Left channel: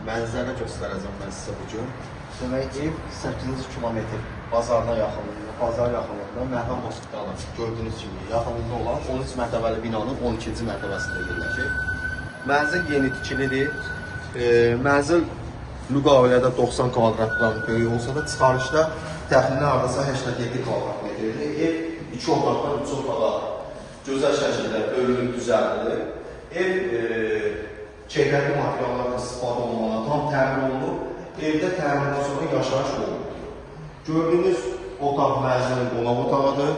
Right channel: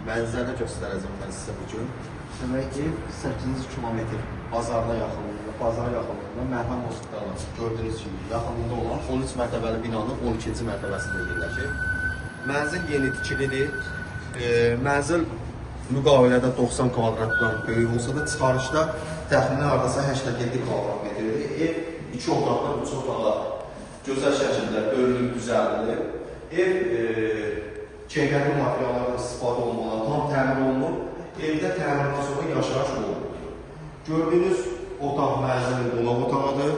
Mənzərə göstərəcəm mən sizə bugün. Demək ev 8-ci kilometr bazardan yaxınlığında, bazar yaxınlığında Məhram Hospitalı gördüyünüz kimi yaxınlığında olan 13 mərtəbəli binanın 12-ci mərtəbəsində yerləşir. Mənzil yeni tikilidir. Mənzil müqavilədə 90 kvadratdan böyük olsa da çıxarışda təxminən hardasa 87 kvadrat metrdir. Ev 2 otaqda 3 otağa gözəl şəkildə bölünüb düzəldilir. Ev çevrəli materiallardan istifadə olmalı, tam təmin olunub. Evdə təminatdan sonra yaşayış olunur. Gördüyünüz otaq mənzilin qonaq otağıdır.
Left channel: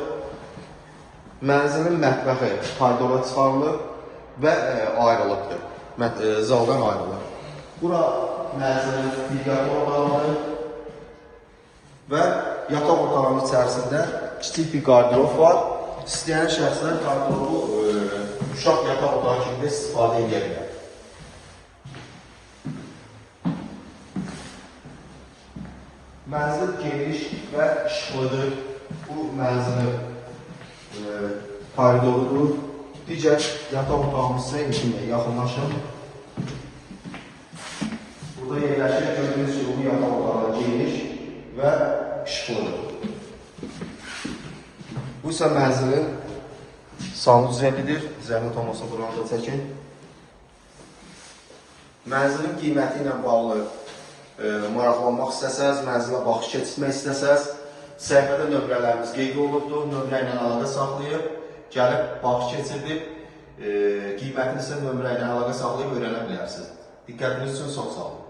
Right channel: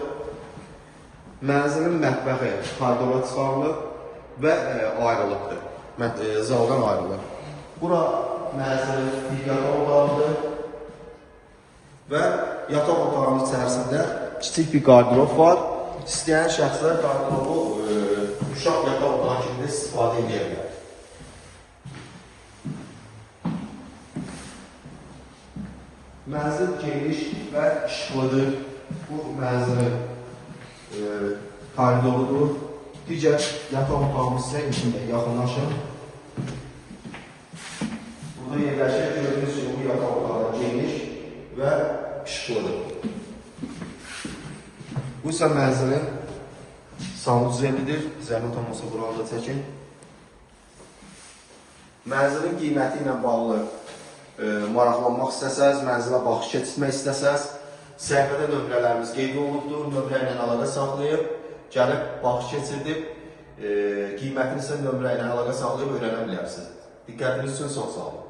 Mənzilin mətbəxi koridora çıxarılır və ayrılıqdır. Zaldan ayrılır. Bura mənzilin digər otağıdır və yataq otağının içərisində kiçik bir qardirob var. İstəyən şəxslər qardirobu uşaq yataq otağı kimi istifadə edə bilər. Mənzil geniş və işıqlıdır. Bu mənzilin koridorudur. Digər yataq otağımız isə içində yaxınlaşır. Burada yerləşir gördüyünüz kimi bu yataq otağı geniş və işıqlıdır. Bu isə mənzilin sanuzelidir. Zəhmət olmasa buranı da çəkin. Mənzilin qiyməti ilə bağlı maraqlanmaq istəsəz, mənzilə baxış keçirmək istəsəz, səhifədə nömrələrimiz qeyd olunubdur, nömrə ilə əlaqə saxlayıb, gəlib baxış keçirdib, qiymətini isə nömrə ilə əlaqə saxlayıb öyrənə bilərsiniz. Diqqətiniz üçün çox sağ olun.